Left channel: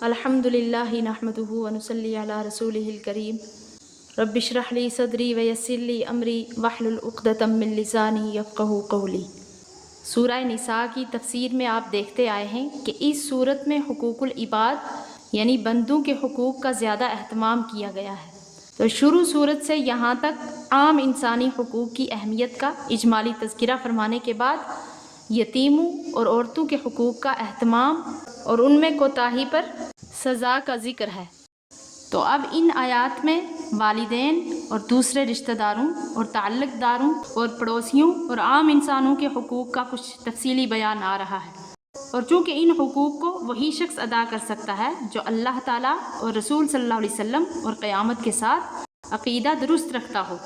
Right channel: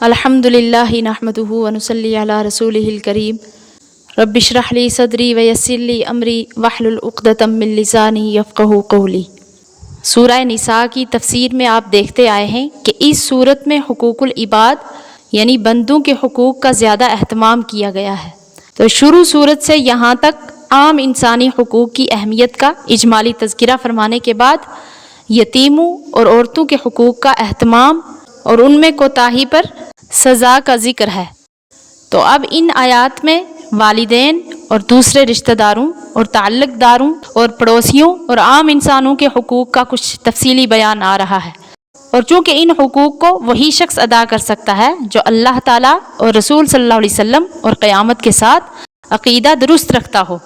الحمدللہ نحمدہ ونصلی علی رسولہ الکریم رب اشرح لی صدری ویسر لی امری واحلل عقدۃ من لسانی یفقہوا قولی۔ سورہ نساء کی تفسیر میں آپ دیکھتے آئے ہیں کہ اس صورت میں حقوق العباد یعنی بندوں کے حقوق کا زیادہ اہتمام کیا گیا ہے۔ تو شروع صورت سے یہاں تک عام انسانی حقوق کی اہمیت کا اجمالی تذکرہ فرمانے کے بعد یتیموں اور عورتوں کے حقوق کا اہتمام اور ان میں کوتاہی پر سزا کا ذکر ہے۔ تو اب ان آیات میں والدین اور دوسرے رشتہ داروں اور تعلق داروں اور پڑوسیوں اور عام انسانوں کے حقوق کا کچھ تفصیلی بیان آ رہا ہے، اور چونکہ ان حقوق کو وہی شخص ادا کر سکتا ہے جو اللہ تعالیٰ اور رسول صلی اللہ علیہ وسلم اور قیامت کے ساتھ عقیدہ درست رکھتا ہو۔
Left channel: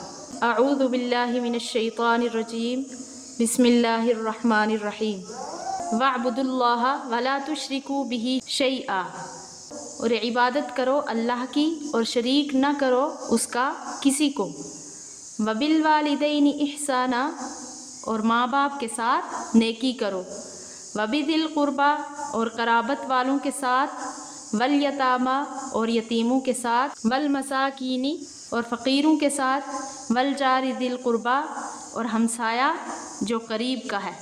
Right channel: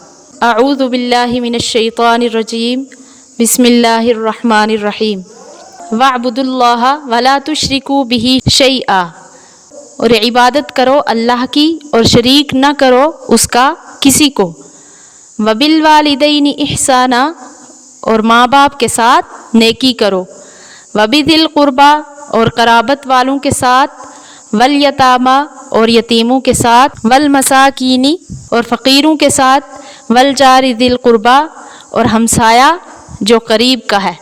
اعوذ باللہ من الشیطان الرجیم، بسم اللہ الرحمن الرحیم۔ وَاعْبُدُوا اللَّهَ وَلَا تُشْرِكُوا بِهِ شَيْئًا، اور عبادت کرو اللہ کی اور شریک نہ کرو اس کا کسی کو۔ وَبِالْوَالِدَيْنِ إِحْسَانًا، اور ماں باپ کے ساتھ نیکی کرو۔ وَبِذِي الْقُرْبَىٰ، اور قرابت والوں کے ساتھ۔ وَالْيَتَامَىٰ، اور یتیموں کے ساتھ۔ وَالْمَسَاكِينِ، اور فقیروں کے ساتھ۔ وَالْجَارِ ذِي الْقُرْبَىٰ، اور ہمسایہ جو قریب کا ہے۔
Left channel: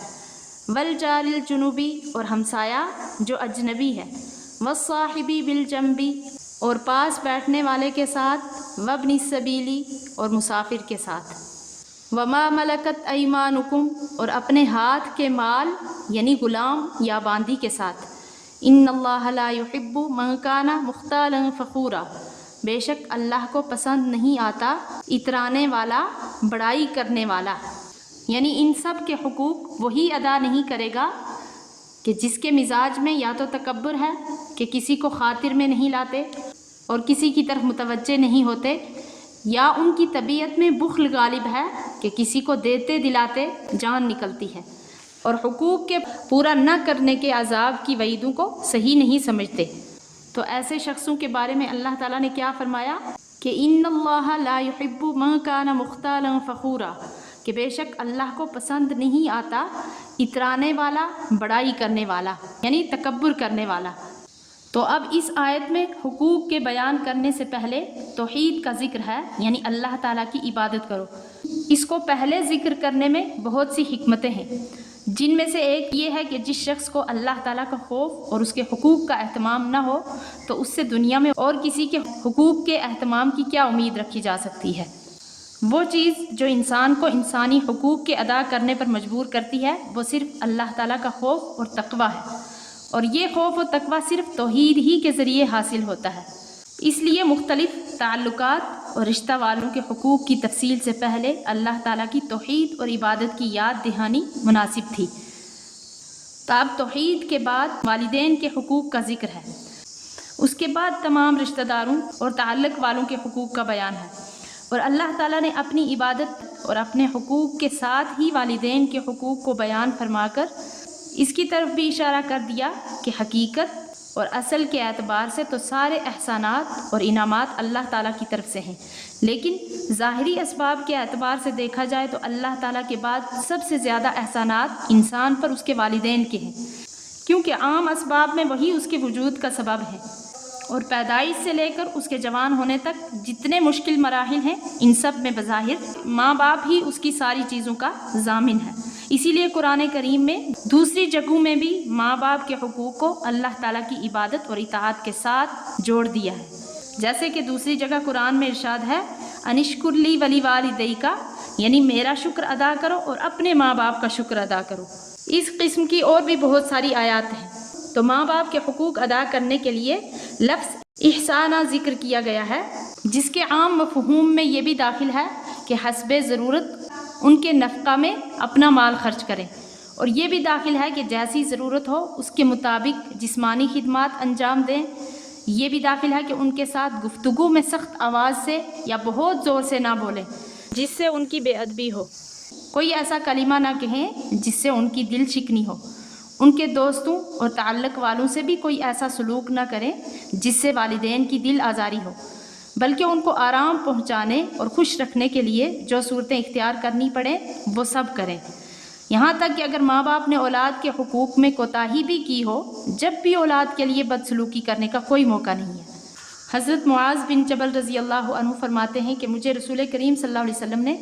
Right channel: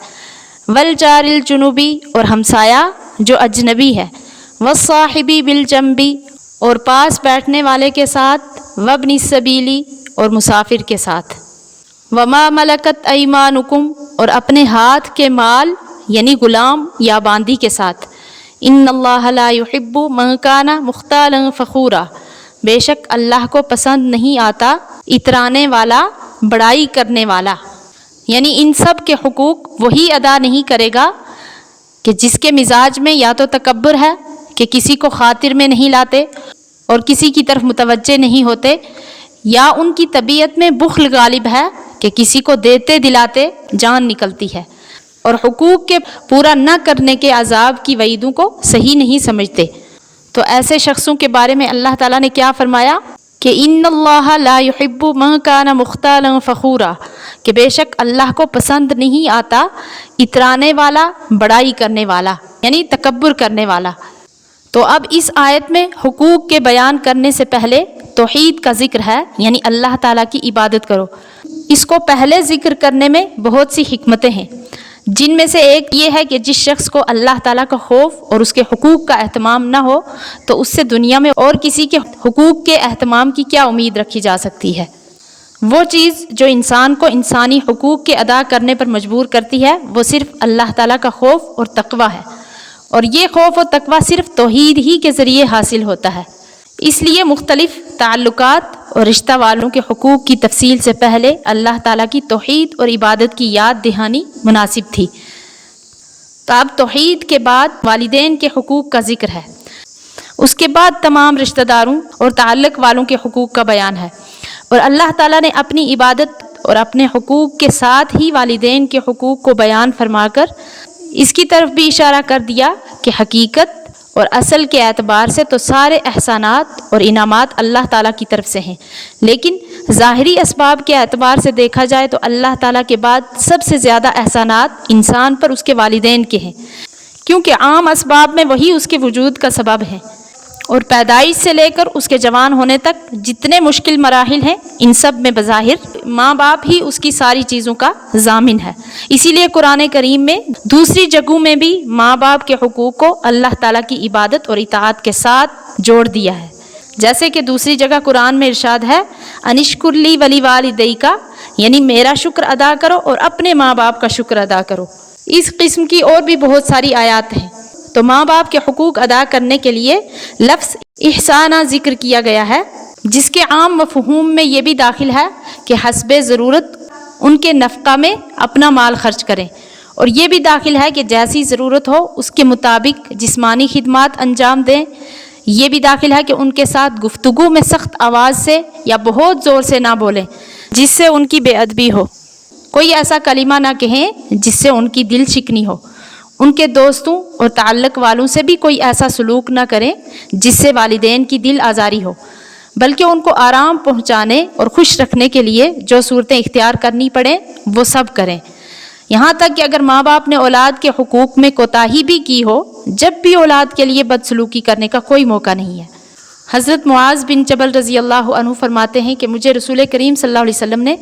وَالْجَارِ الْجُنُبِ، اور ہمسایہ جو اجنبی ہے۔ وَالصَّاحِبِ بِالْجَنبِ، اور پاس بیٹھنے والے کے ساتھ۔ وَابْنِ السَّبِيلِ، اور مسافر کے ساتھ۔ وَمَا مَلَكَتْ أَيْمَانُكُمْ، اور اپنے ہاتھ کے مال یعنی غلام یا باندی کے ساتھ۔ إِنَّ اللَّهَ لَا يُحِبُّ مَنْ كَانَ مُخْتَالًا فَخُورًا، بے شک اللہ کو پسند نہیں آتا اترانے والا، بڑائی کرنے والا۔ یعنی ان سب کے حقوق وہی ادا نہیں کرے گا کہ جس کے مزاج میں یا تو تکبر ہے کہ کسی کو خاطر میں نہیں لاتے اور کسی کی طرف متوجہ نہیں ہوتے، یا ان کی طبیعت میں بخل غالب ہے کہ کسی کو دیتے دلاتے جان نکلتی ہے، اور حقوق کے پورا نہ کرنے کے عذاب کی وعیدوں کو صحیح نہیں سمجھتے۔ تو ایسے شخصوں کے بارے میں اللہ تعالیٰ نے کیا فرمایا کہ ان اللہ لا يحب من کان مختالا فخورا، کہ بے شک اللہ کو پسند نہیں آتا اترانے والا، بڑائی کرنے والا، یعنی تکبر کرنے والا۔ تو اب اس آیت میں حقوق کے بیان کرنے سے پہلے توحید کا ذکر ہے، یعنی اللہ تعالیٰ کی عبادت کرو۔ اس کو پہلے ذکر کرنے میں بہت سی حکمتیں ہیں، جن میں سے ایک یہ ہے کہ جس شخص کو اللہ تعالیٰ کا خوف اور اس کے حقوق کا اہتمام نہ ہو تو اس سے دنیا میں اور کسی کے حقوق کے اہتمام کی کیا امید رکھی جا سکتی ہے۔ وہ چیز جو انسان کو انسانی حقوق کے ادا کرنے پر مجبور کرتی ہے وہ صرف اللہ تعالیٰ کا خوف اور تقویٰ ہے، اور یہ خوف و تقویٰ صرف توحید ہی کے ذریعے حاصل ہوتا ہے۔ اس لیے مختلف تعلقات اور رشتہ والوں کے حقوق کی تفصیل سے پہلے اللہ تعالیٰ کی توحید اور عبادت کی یاد دہانی مناسب تھی۔ تو اب توحید کے بعد والدین کے حقوق کا ذکر ہے، اس کے بعد تمام رشتہ داروں اور تعلق والوں کے حقوق کا بیان ہے، اور اللہ تعالیٰ نے اپنی عبادت اور اپنے حقوق کے ساتھ ہی والدین کے حقوق کو بیان فرما کر اس کی طرف بھی اشارہ کر دیا کہ حقیقت اور اصل کے اعتبار سے تو سارے احسانات اور انعامات اللہ تعالیٰ کی طرف سے ہیں، لیکن ظاہری اسباب کے اعتبار سے دیکھا جائے تو اللہ تعالیٰ کے بعد سب سے زیادہ احسانات انسان پر اس کے والدین کے ہیں، کیونکہ عام اسباب میں وہی اس کے وجود کا سبب ہیں، اور پیدائش سے لے کر اس کے جوان ہونے تک جتنے مشکل مراحل ہیں ان سب میں بظاہر ماں باپ ہی اس کی ساری چیزوں کا ضامن ہے۔ اسی لیے قرآن کریم میں دوسری جگہوں میں بھی ماں باپ کے حقوق کو اللہ تعالیٰ کی عبادت اور اطاعت کے ساتھ جوڑ دیا ہے، جیسے کہ دوسری جگہ قرآن میں ارشاد ہے انشکر لی ولی والدیک، یعنی میرا شکر ادا کرو اور اپنے ماں باپ کا شکر ادا کرو۔ اس قسم کی اور بھی بہت ساری آیات ہیں۔ تو ماں باپ کے حقوق ادا کرنے کے لیے لفظ احسانہ ذکر کیا گیا ہے، جس کے عام مفہوم میں یہ بھی داخل ہے کہ حسب ضرورت ان کے نفقہ میں اپنا مال خرچ کریں، اور یہ بھی داخل ہے کہ جیسی ضرورت ہو اس کے مطابق جسمانی خدمات انجام دیں۔ یہ بھی داخل ہے کہ ان کے ساتھ گفتگو میں سخت آواز سے یا بہت زور سے نہ بولیں جس سے ان کی بے ادبی ہو، کوئی ایسا کلمہ نہ کہیں جس سے ان کی دل شکنی ہو، ان کے دوستوں اور تعلق والوں سے بھی کوئی ایسا سلوک نہ کریں جس سے والدین کی دل آزاری ہو، بلکہ ان کو آرام پہنچانے اور خوش رکھنے کے لیے جو صورتیں اختیار کرنی پڑیں وہ سب کریں۔ یہاں تک کہ اگر ماں باپ نے اولاد کے حقوق میں کوتاہی بھی کی ہو، جب بھی اولاد کے لیے بدسلوکی کرنے کا کوئی موقع نہیں ہے۔ حضرت معاذ بن جبل رضی اللہ عنہ فرماتے ہیں کہ مجھے رسول کریم صلی اللہ علیہ وسلم نے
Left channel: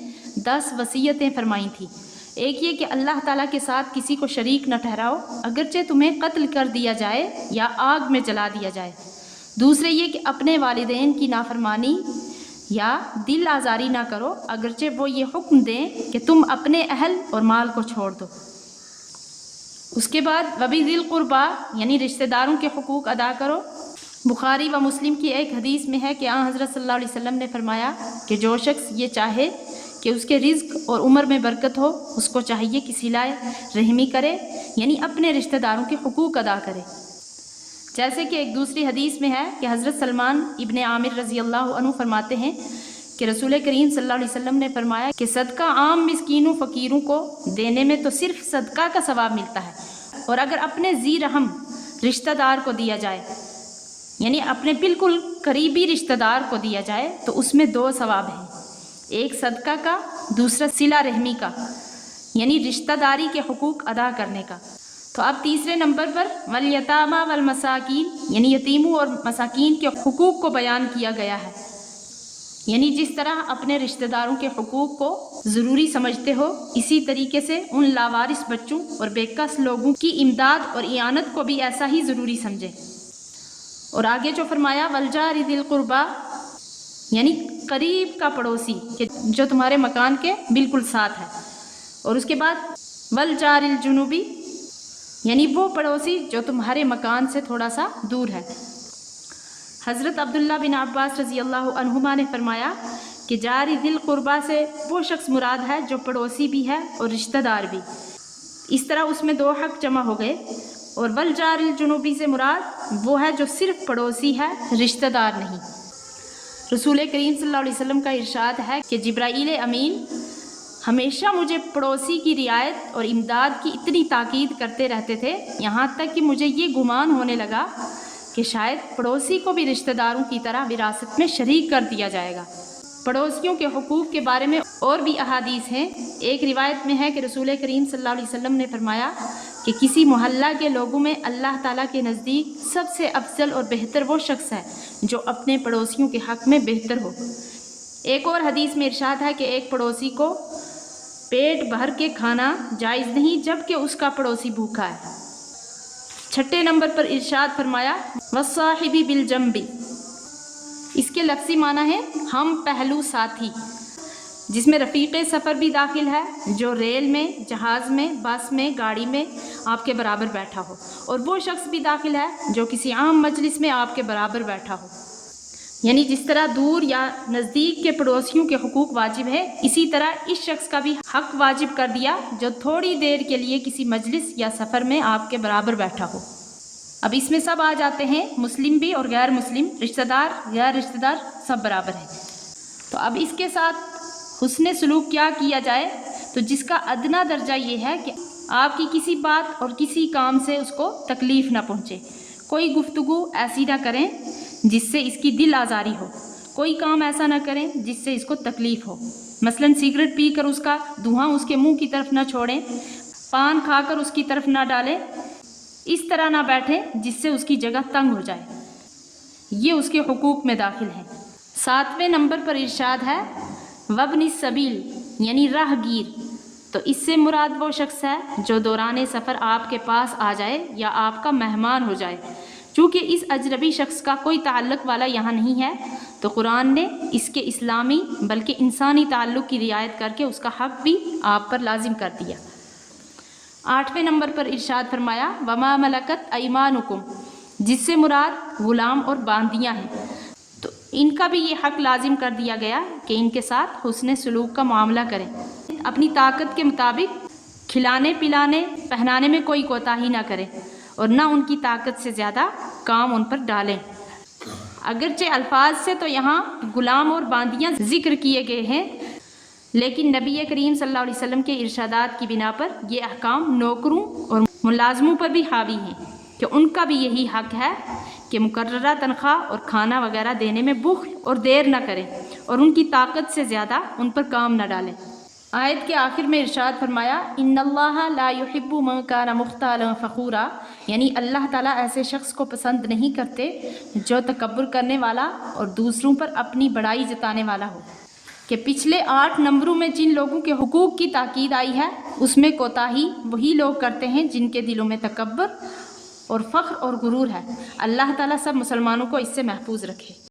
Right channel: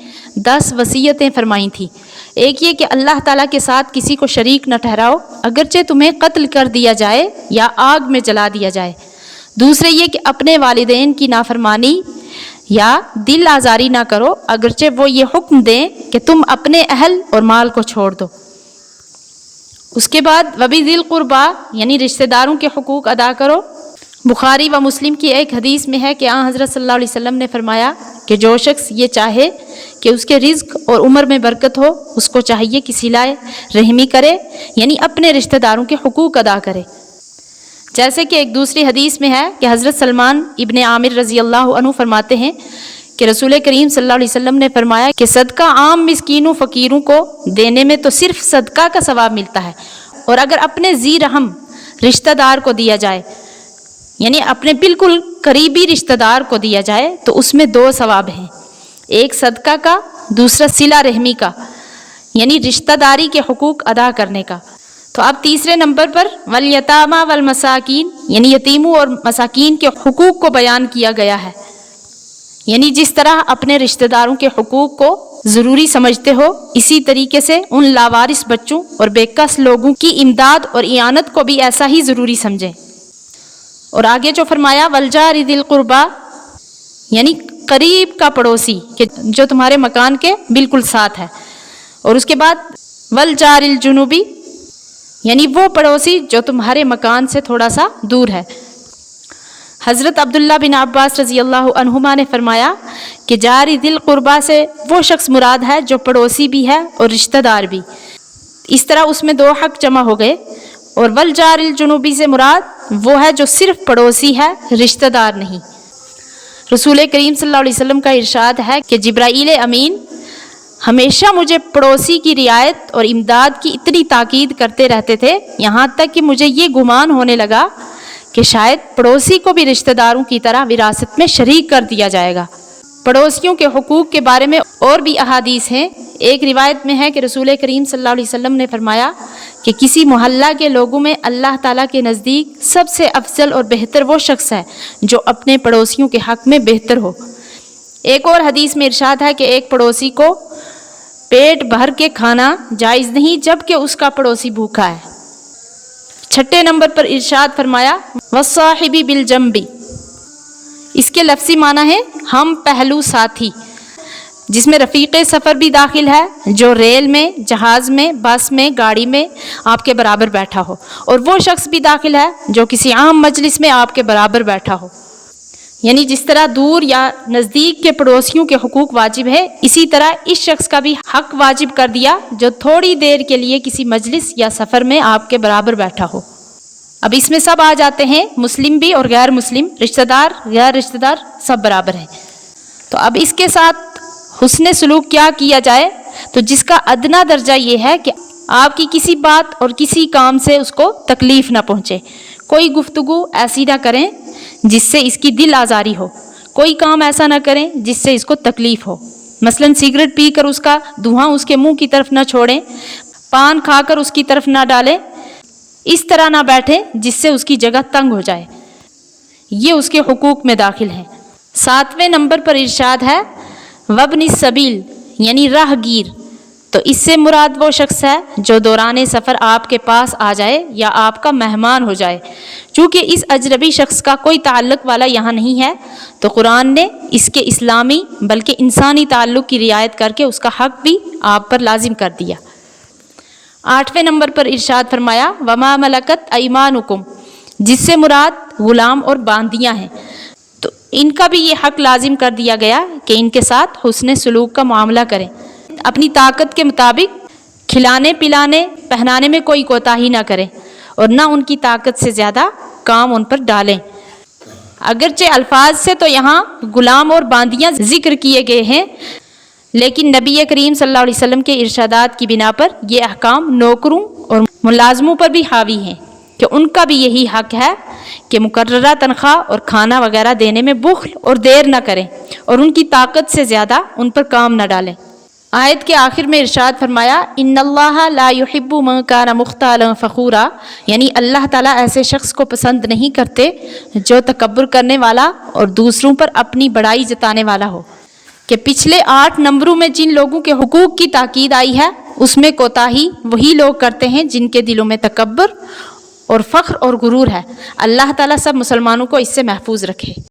10 وصیتیں فرمائی تھیں۔ ایک یہ کہ اللہ تعالیٰ کے ساتھ کسی کو شریک نہ ٹھہراؤ، اگرچہ تمہیں قتل کر دیا جائے یا آگ میں جلا دیا جائے۔ دوسرے یہ کہ اپنے والدین کی نافرمانی یا دل آزاری نہ کرو، اگرچہ وہ یہ حکم دیں کہ تم اپنے اہل اور مال کو چھوڑ دو۔ اس کے بعد وَبِذِی الْقُرْبَى یعنی رشتہ داروں کے حقوق ادا کرو۔ بخاری و مسلم کی ایک حدیث میں ہے کہ آن حضرت صلی اللہ علیہ وسلم نے فرمایا کہ جو شخص یہ چاہے کہ اس کے رزق اور عمر میں برکت ہو، اس کو چاہیے کہ صلہ رحمی کرے، یعنی اپنے رشتہ داروں کے حقوق ادا کرے۔ جیسے کہ ایک دوسری حدیث میں ہے کہ حضرت سلمان ابن عامر رضی اللہ عنہ فرماتے ہیں کہ رسول کریم صلی اللہ علیہ وسلم نے فرمایا کہ صدقہ عام مسکینوں فقیروں کو دینے میں تو صرف صدقہ کا ثواب ملتا ہے، اور اگر اپنے ذی رحم رشتہ دار کو دیا جائے، یعنی اپنے بالکل قریبی رشتہ دار کو دیا جائے، تو اس میں 2 ثواب ہیں، ایک صدقہ کا، دوسرا صلہ رحمی کا، یعنی رشتہ داری کے حقوق ادا کرنے کا۔ تو اب تیسرے نمبر پر والیتامیٰ والمساکین یعنی یتیموں اور مساکین کے حقوق کو بیان کیا گیا ہے، یعنی جس طرح اپنے رشتہ داروں کے حقوق کو ضروری سمجھتے ہو، اسی طریقے سے ان لاوارث بچوں اور بے کس لوگوں کی امداد اور اعانت کو بھی ایسا ہی ضروری سمجھیں۔ اور آگے جو فرمایا والجار ذی القربیٰ یعنی قریب کا پڑوسی کہ جو تمہارے مکان کے بالکل ساتھ ہے، اور اس کے بعد والجار الجنوبی یعنی وہ پڑوسی جو تمہارے مکان سے تھوڑا سا دور ہے۔ حضرت عبداللہ بن عباس رضی اللہ عنہما نے فرمایا کہ جار ذی القربیٰ سے وہ شخص مراد ہے جو پڑوسی بھی ہے اور رشتہ دار بھی، اس طرح اس میں 2 حق جمع ہو گئے۔ اور والجار الجنوبی سے مراد وہ ہے جو صرف پڑوسی ہے، رشتہ دار نہیں۔ رسول کریم صلی اللہ علیہ وسلم کا ارشاد ہے کہ جبرائیل امین ہمیشہ مجھے پڑوسی کی رعایت اور امداد کی اتنی تاکید کرتے رہتے تھے، یہاں تک کہ مجھے یہ گمان ہونے لگا کہ شاید پڑوسی کو بھی رشتہ داروں کی طرح وراثت میں شریک کر دیا جائے گا۔ پڑوسیوں کے حقوق کے بارے میں اور بھی احادیث ہیں۔ ایک روایت میں ہے کہ رسول کریم صلی اللہ علیہ وسلم نے فرمایا کہ کسی محلہ کے لوگوں میں اللہ تعالیٰ کے نزدیک سب سے افضل اور بہتر وہ شخص ہے جو اپنے پڑوسیوں کے حق میں بہتر ہو۔ ایک اور حدیث میں ارشاد ہے کہ ایک پڑوسی کو پیٹ بھر کے کھانا جائز نہیں جب کہ اس کا پڑوسی بھوکا ہے۔ 6 نمبر پر ارشاد فرمایا والصاحب بالجنب، اس کے لفظی معنی ہے ہم پہلو ساتھی، جس میں رفیق سفر بھی داخل ہے جو ریل میں، جہاز میں، بس میں، گاڑی میں آپ کے برابر بیٹھا ہو، اور وہ شخص بھی داخل ہے جو کسی عام مجلس میں آپ کے برابر بیٹھا ہو۔ یعنی جس طرح دور یا نزدیک کے پڑوسیوں کے حقوق واجب ہے، اسی طرح اس شخص کا بھی حق واجب کر دیا جو تھوڑی دیر کے لیے کسی مجلس یا سفر میں آپ کے برابر بیٹھا ہو۔ اب اس میں سب آ جاتے ہیں، مسلم بھی اور غیر مسلم، رشتہ دار، غیر رشتہ دار، سب برابر ہیں۔ تو اب اس کے ساتھ حسن سلوک کیا کیا جائے، تو جس کا ادنا درجہ یہ ہے کہ آپ کی کسی بات اور کسی کام سے اس کو تکلیف نہ پہنچے، کوئی گفتگو ایسی نہ کریں جس سے اس کی دل آزاری ہو، کوئی کام ایسا نہ کریں جس سے اس کو تکلیف ہو، مثلا سگریٹ پی کر اس کا دھواں اس کے منہ کی طرف نہ چھوڑیں، پان کھا کر اس کی طرف نہ ڈالیں، اس طرح نہ بیٹھیں جس سے اس کی جگہ تنگ ہو جائے، یہ اس کے حقوق میں داخل ہیں۔ 7ویں نمبر پر ارشاد ہے وابن السبیل یعنی راہ گیر، تو اس سے مراد وہ شخص ہے جو دوران سفر آپ کے پاس آ جائے یا آپ کا مہمان ہو جائے۔ چونکہ اس اجنبی شخص کا کوئی تعلق والا یہاں نہیں ہے، تو قرآن نے اس کے اسلامی بلکہ انسانی تعلق کی رعایت کر کے اس کا حق بھی آپ پر لازم کر دیا۔ 8ویں نمبر پر ارشاد فرمایا وما ملکت ایمانکم، جس سے مراد غلام اور باندیاں ہیں، تو ان کا بھی یہ حق لازم کر دیا گیا کہ ان کے ساتھ حسن سلوک کا معاملہ کریں، اپنی طاقت کے مطابق کھلانے پلانے پہنانے میں کوئی کوتاہی نہ کریں، اور نہ ان کی طاقت سے زیادہ کام ان پر ڈالیں۔ اگرچہ الفاظ سے تو یہاں غلام اور باندیاں ذکر کیے گئے ہیں، لیکن نبی کریم صلی اللہ علیہ وسلم کے ارشادات کی بنا پر یہ احکام نوکروں اور ملازموں پر بھی حاوی ہیں کہ ان کا بھی یہی حق ہے کہ مقررہ تنخواہ اور کھانا وغیرہ دینے میں بخل اور دیر نہ کریں، اور ان کی طاقت سے زیادہ ان پر کام نہ ڈالیں۔ آیت کے آخر میں ارشاد فرمایا ان اللہ لا یحب من کان مختالا فخورا، یعنی اللہ تعالیٰ ایسے شخص کو پسند نہیں کرتے جو تکبر کرنے والا اور دوسروں پر اپنی بڑائی جتانے والا ہو۔ کہ پچھلے 8 نمبروں میں جن لوگوں کے حقوق کی تاکید آئی ہے اس میں کوتاہی وہی لوگ کرتے ہیں جن کے دلوں میں تکبر اور فخر اور غرور ہے۔ اللہ تعالیٰ سب مسلمانوں کو اس سے محفوظ رکھے۔